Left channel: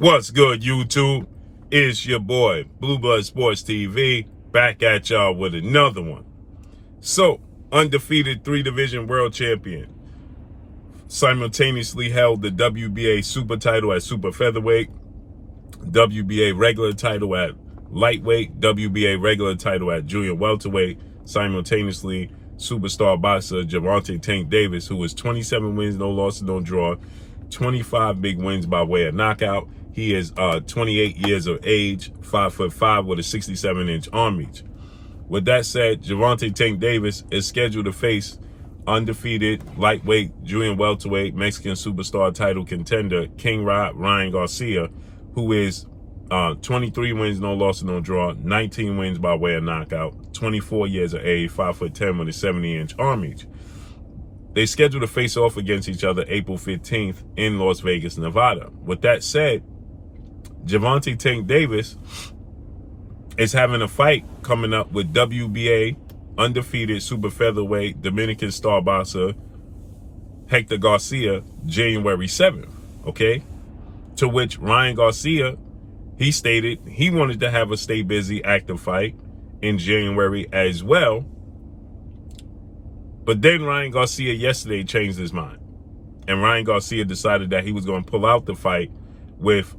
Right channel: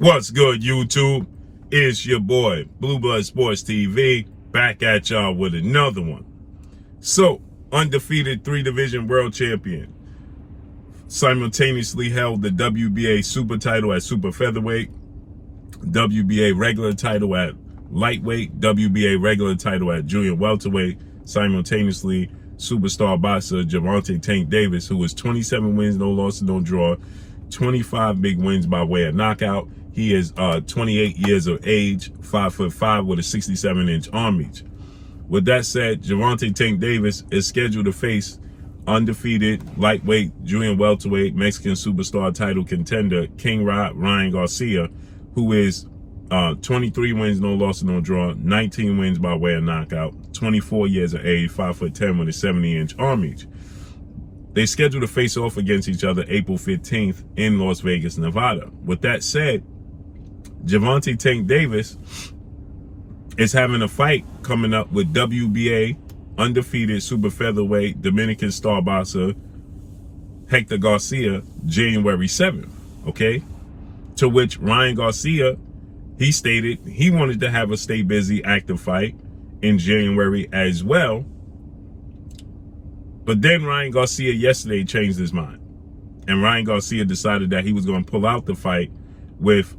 What's good, YouTube? It's your boy, Blue Blood Sports TV, back at y'all with another one. So, undefeated 3-division world champion, simultaneously held the WBA super title at super featherweight, WBA regular title at lightweight, WBA regular title at junior welterweight, simultaneously superstar boxer Gervonta Tank Davis, who was 27 wins, no losses, no draw, 25 big wins by way of knockout. He is 28 years of age, 5'5" with a 67-inch arm reach. With that said, Gervonta Tank Davis is scheduled to face undefeated lightweight, junior welterweight, Mexican superstar title contender King Ryan Garcia, who is 23 wins, no losses, no draw, 19 wins by way of knockout, 24 years of age, 5'10" with a 70-inch arm reach. They scheduled to face off against each other April 15th in Las Vegas, Nevada. With that said, Gervonta Tank Davis is having a fight coming up with WBA undefeated super featherweight Dominican star boxer Hector Garcia January 7th, okay? To which Ryan Garcia, he stated he wanted to have a stay busy active fight in January as well. But then Ryan Garcia yesterday changed his mind. And Ryan Garcia decided that he was going to pull out the fight with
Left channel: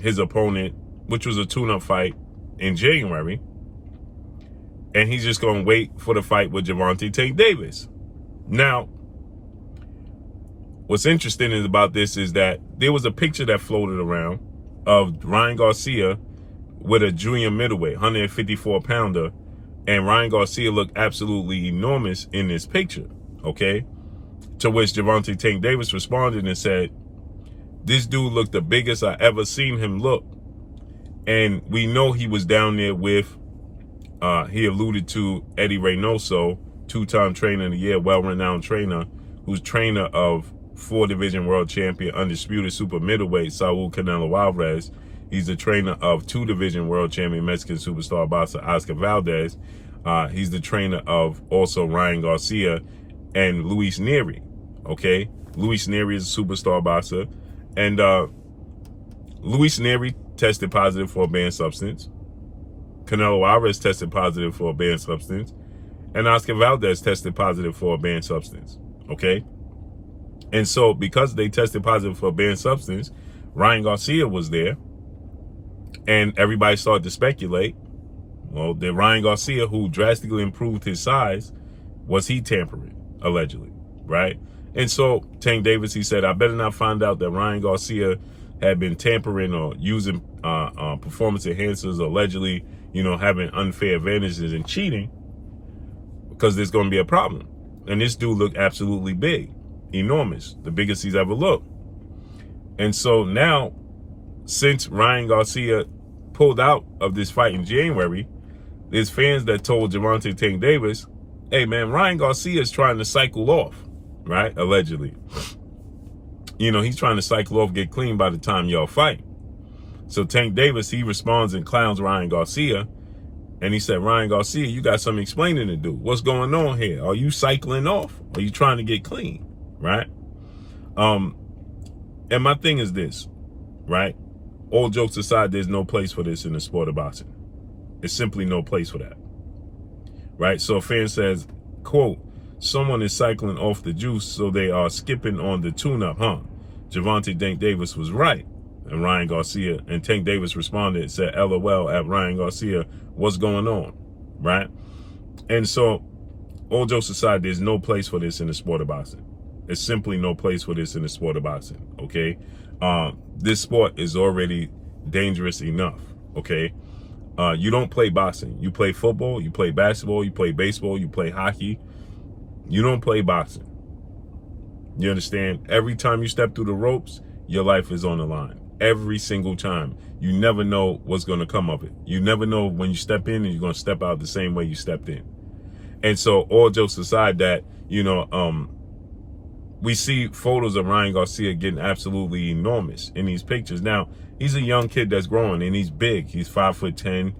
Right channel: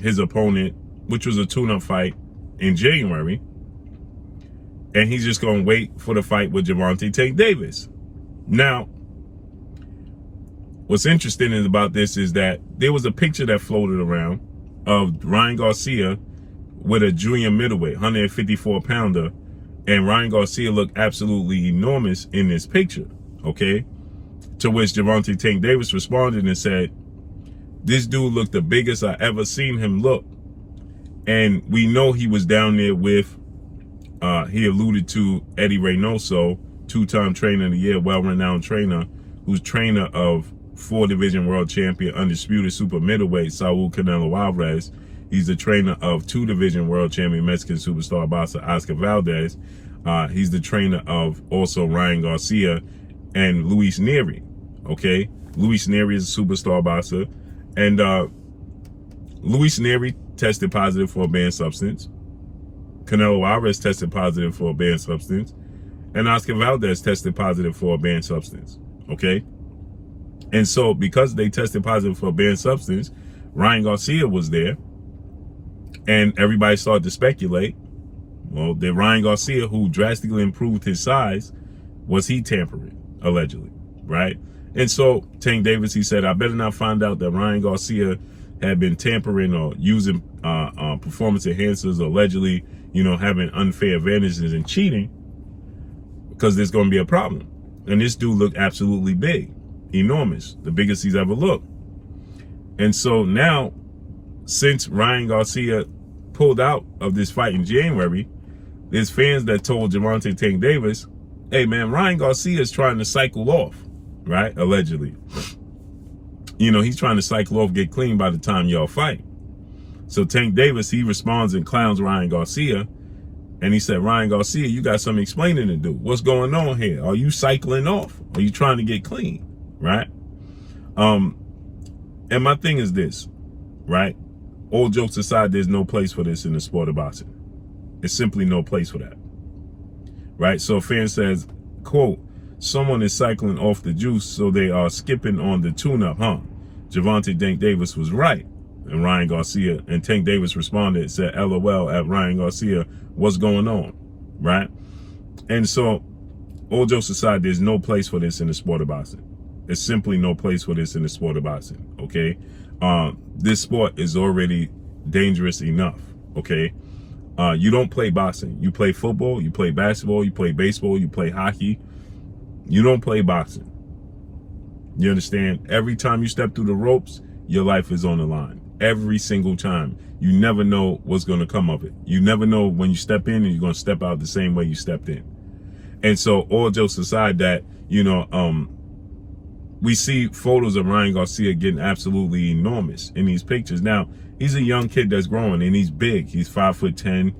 his opponent, which was a tune-up fight in January. And he's just going to wait for the fight with Gervonta Tank Davis. Now, what's interesting about this is that there was a picture that floated around of Ryan Garcia with a junior middleweight, 154-pounder. And Ryan Garcia looked absolutely enormous in this picture, okay? To which Gervonta Tank Davis responded and said, this dude looked the biggest I ever seen him look. And we know he was down there with, he alluded to Eddie Reynoso, two-time trainer of the year, well-renowned trainer, who's trainer of 4-division world champion, undisputed super middleweight, Saul Canelo Alvarez. He's the trainer of 2-division world champion, Mexican superstar boxer Oscar Valdez. He's the trainer of also Ryan Garcia and Luis Nery, okay? Luis Nery is a superstar boxer. And Luis Nery tested positive for a banned substance. Canelo Alvarez tested positive for a banned substance. And Oscar Valdez tested positive for a banned substance, okay? And so because they tested positive for a banned substance, Ryan Garcia was there. And everybody started to speculate, well, that Ryan Garcia, who drastically improved his size, was he tampering, allegedly, right? And so Tank Davis, he said, I better not find out that Ryan Garcia had been tampering or using performance enhancers, allegedly, having unfair advantages and cheating, because there's going to be a problem. And this dude looked absolutely big, enormous, the biggest he's ever looked. And so now, since Ryan Garcia pulled out of this fight in January, there's fans that told Gervonta Tank Davis, hey man, Ryan Garcia is trying to cycle off, right? Allegedly. He's trying to cycle off, get clean by the time y'all fight. So Tank Davis, he responds and clowns Ryan Garcia. And he said, Ryan Garcia, you got some explaining to do. What's going on here? Are you cycling off? Are you trying to get clean, right? And my thing is this, right? All jokes aside, there's no place for this in the sport of boxing. There's simply no place for that, right? So a fan says, quote, someone is cycling off the juice, so they are skipping on the tune-up, huh? Gervonta Tank Davis was right. And Ryan Garcia, and Tank Davis responded and said, LOL at Ryan Garcia, what's going on, right? And so, all jokes aside, there's no place for this in the sport of boxing. There's simply no place for this in the sport of boxing, okay? This sport is already dangerous enough, okay? You don't play boxing. You play football, you play basketball, you play baseball, you play hockey. You don't play boxing. You understand? Every time you step through the ropes, your life is on the line. Every single time. You never know what's going to come of it. You never know when you step in and you're going to step out the same way you stepped in. And so, all jokes aside, that, we see photos of Ryan Garcia getting absolutely enormous in these pictures. Now, he's a young kid that's growing and he's big. He's 5'10".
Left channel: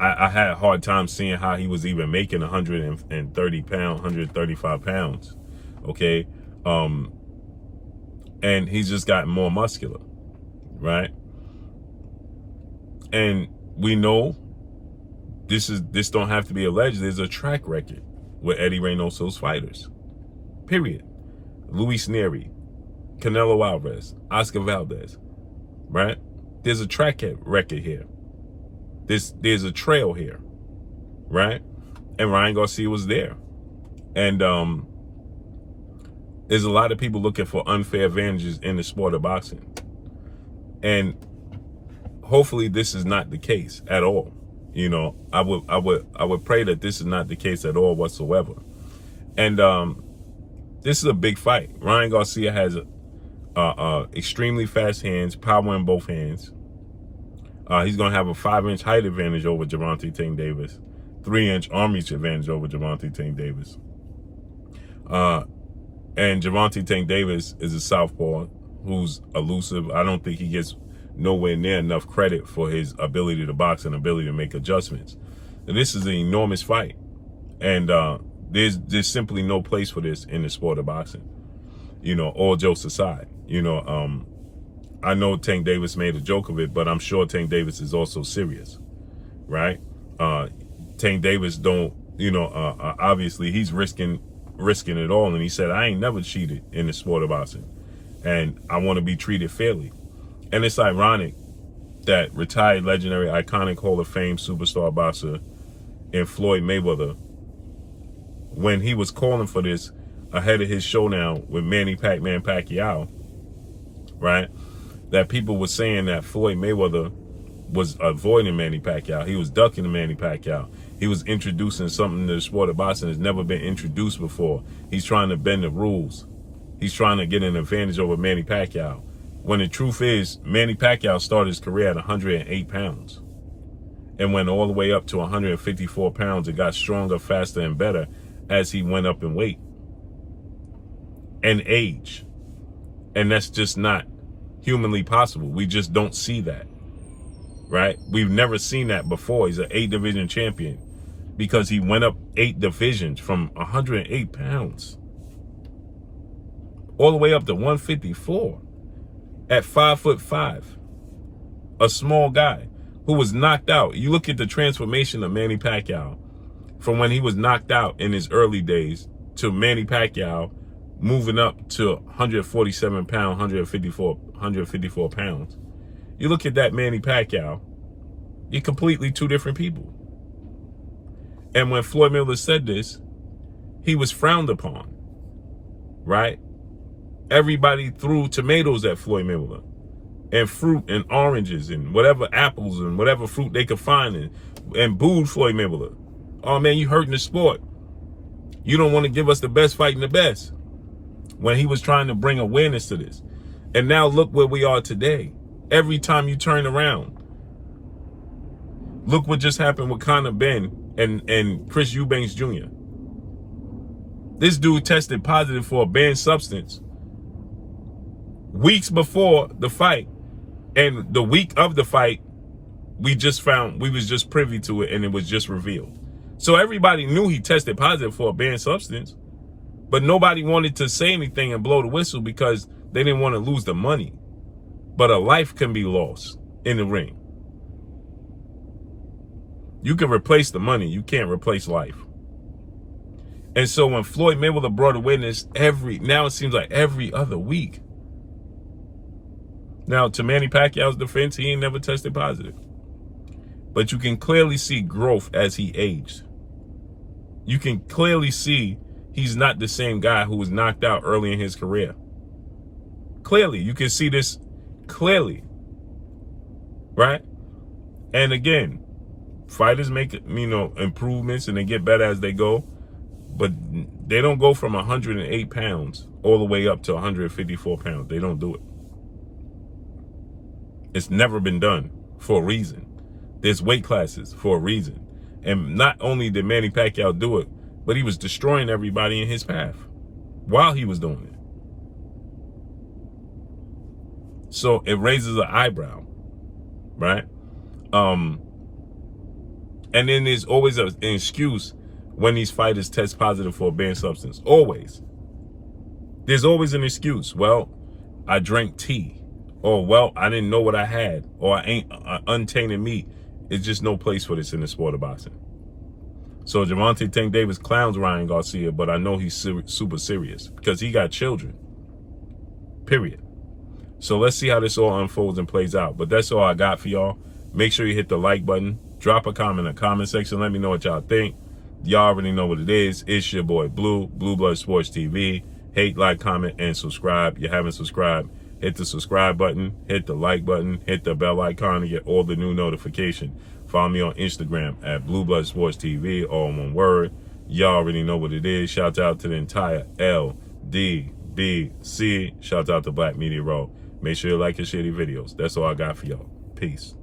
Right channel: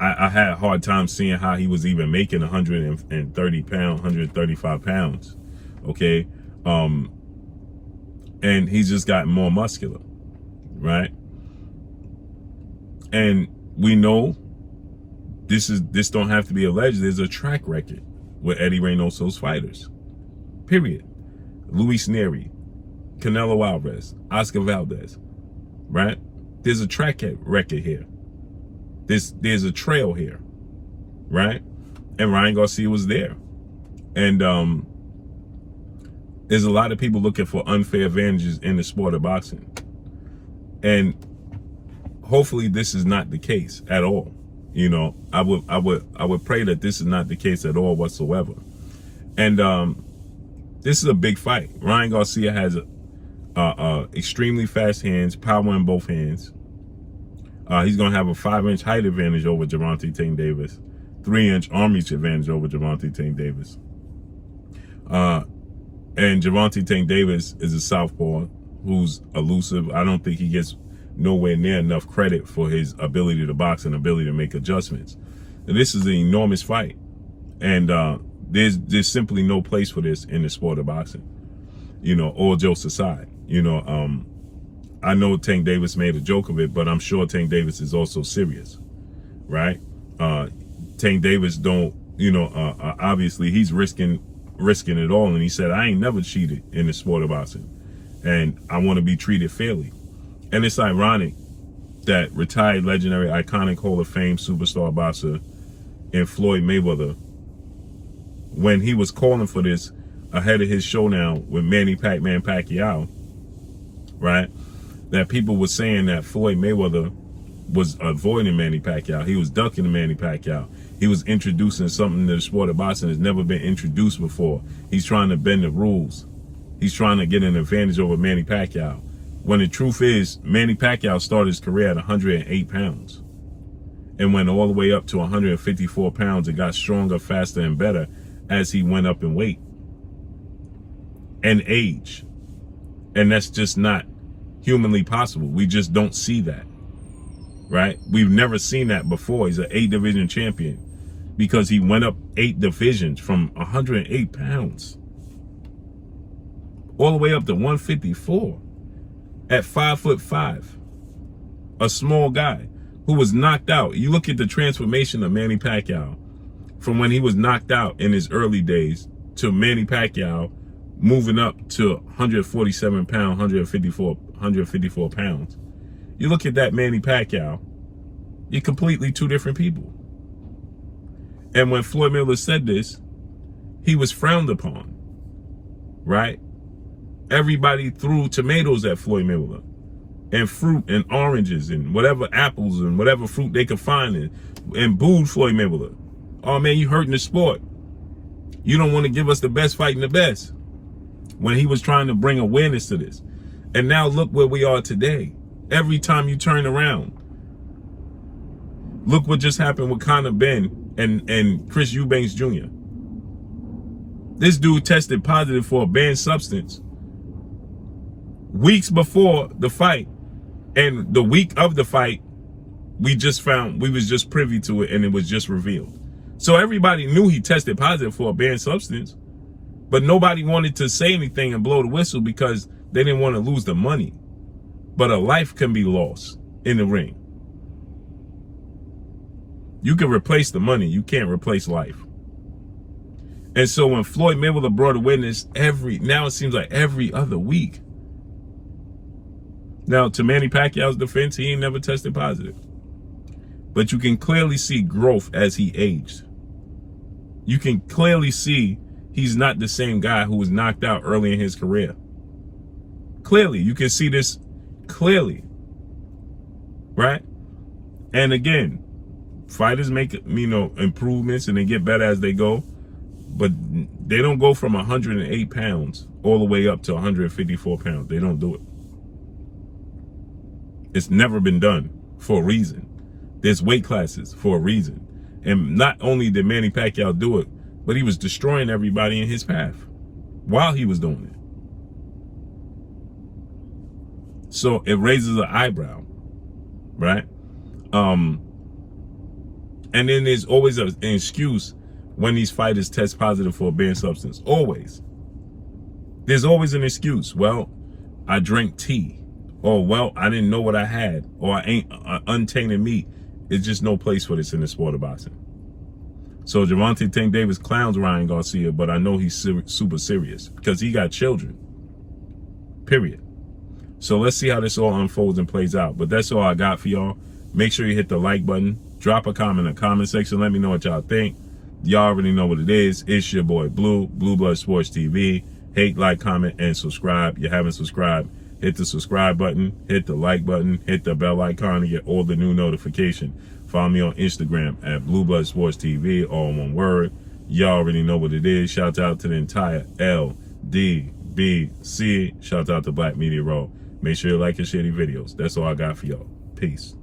I had a hard time seeing how he was even making 135 pounds. Okay. and he's just gotten more muscular, right? And we know this don't have to be alleged. There's a track record with Eddie Reynoso's fighters. Period. Luis Neri, Canelo Alvarez, Oscar Valdez, right? There's a track record here. There's a trail here, right? And Ryan Garcia was there. And there's a lot of people looking for unfair advantages in the sport of boxing. And hopefully this is not the case at all. You know, I would pray that this is not the case at all whatsoever. And this is a big fight. Ryan Garcia has extremely fast hands, power in both hands. He's going to have a 5-inch height advantage over Gervonta Tank Davis, 3-inch arm reach advantage over Gervonta Tank Davis. And Gervonta Tank Davis is a southpaw who's elusive. I don't think he gets nowhere near enough credit for his ability to box and ability to make adjustments. And this is an enormous fight, and there's simply no place for this in the sport of boxing. You know, all jokes aside, you know, I know Tank Davis made a joke of it, but I'm sure Tank Davis is also serious, right? Tank Davis don't, you know, obviously he's risking it all, and he said, I ain't never cheated in the sport of boxing, and I want to be treated fairly. And it's ironic that retired, legendary, iconic Hall of Fame superstar boxer in Floyd Mayweather, when he was calling for this ahead of his showdown with Manny Pac-Man Pacquiao, right, that people were saying that Floyd Mayweather was avoiding Manny Pacquiao. He was ducking Manny Pacquiao. He was introducing something to the sport of boxing that's never been introduced before. He's trying to bend the rules. He's trying to get an advantage over Manny Pacquiao. When the truth is, Manny Pacquiao started his career at 108 pounds and went all the way up to 154 pounds and got stronger, faster, and better as he went up in weight and age. And that's just not humanly possible. We just don't see that, right? We've never seen that before. He's an 8-division champion because he went up 8 divisions from 108 pounds all the way up to 154 at 5'5", a small guy who was knocked out. You look at the transformation of Manny Pacquiao from when he was knocked out in his early days to Manny Pacquiao moving up to 147 pounds, 154 pounds. You look at that Manny Pacquiao, you're completely two different people. And when Floyd Mayweather said this, he was frowned upon, right? Everybody threw tomatoes at Floyd Mayweather and fruit and oranges and whatever, apples and whatever fruit they could find, and booed Floyd Mayweather. Oh man, you hurting the sport. You don't want to give us the best fighting the best. When he was trying to bring awareness to this. And now look where we are today. Every time you turn around, look what just happened with Conor Ben and Chris Eubanks Jr. This dude tested positive for a banned substance weeks before the fight, and the week of the fight, we was just privy to it, and it was just revealed. So everybody knew he tested positive for a banned substance, but nobody wanted to say anything and blow the whistle because they didn't want to lose the money. But a life can be lost in the ring. You can replace the money, you can't replace life. And so when Floyd Mayweather brought awareness now it seems like every other week. Now, to Manny Pacquiao's defense, he ain't never tested positive. But you can clearly see growth as he aged. You can clearly see he's not the same guy who was knocked out early in his career. Clearly, you can see this clearly, right? And again, fighters make, improvements and they get better as they go, but they don't go from 108 pounds all the way up to 154 pounds. They don't do it. It's never been done for a reason. There's weight classes for a reason. And not only did Manny Pacquiao do it, but he was destroying everybody in his path while he was doing it. So it raises an eyebrow, right? And then there's always an excuse when these fighters test positive for a banned substance. Always. There's always an excuse. Well, I drank tea. Or, well, I didn't know what I had. Or I ain't untainted meat. It's just no place for this in the sport of boxing. So Gervonta Tank Davis clowns Ryan Garcia, but I know he's super serious because he got children. Period. So let's see how this all unfolds and plays out. But that's all I got for y'all. Make sure you hit the like button. Drop a comment in the comment section. Let me know what y'all think. Y'all already know what it is. It's your boy Blue, Blue Blood Sports TV. Hate, like, comment, and subscribe. You haven't subscribed, hit the subscribe button, hit the like button, hit the bell icon to get all the new notifications. Follow me on Instagram at Blue Blood Sports TV, all in one word. Y'all already know what it is. Shout out to the entire LDBC. Shout out to Black Media Row. Make sure you like and share these videos. That's all I got for y'all. Peace.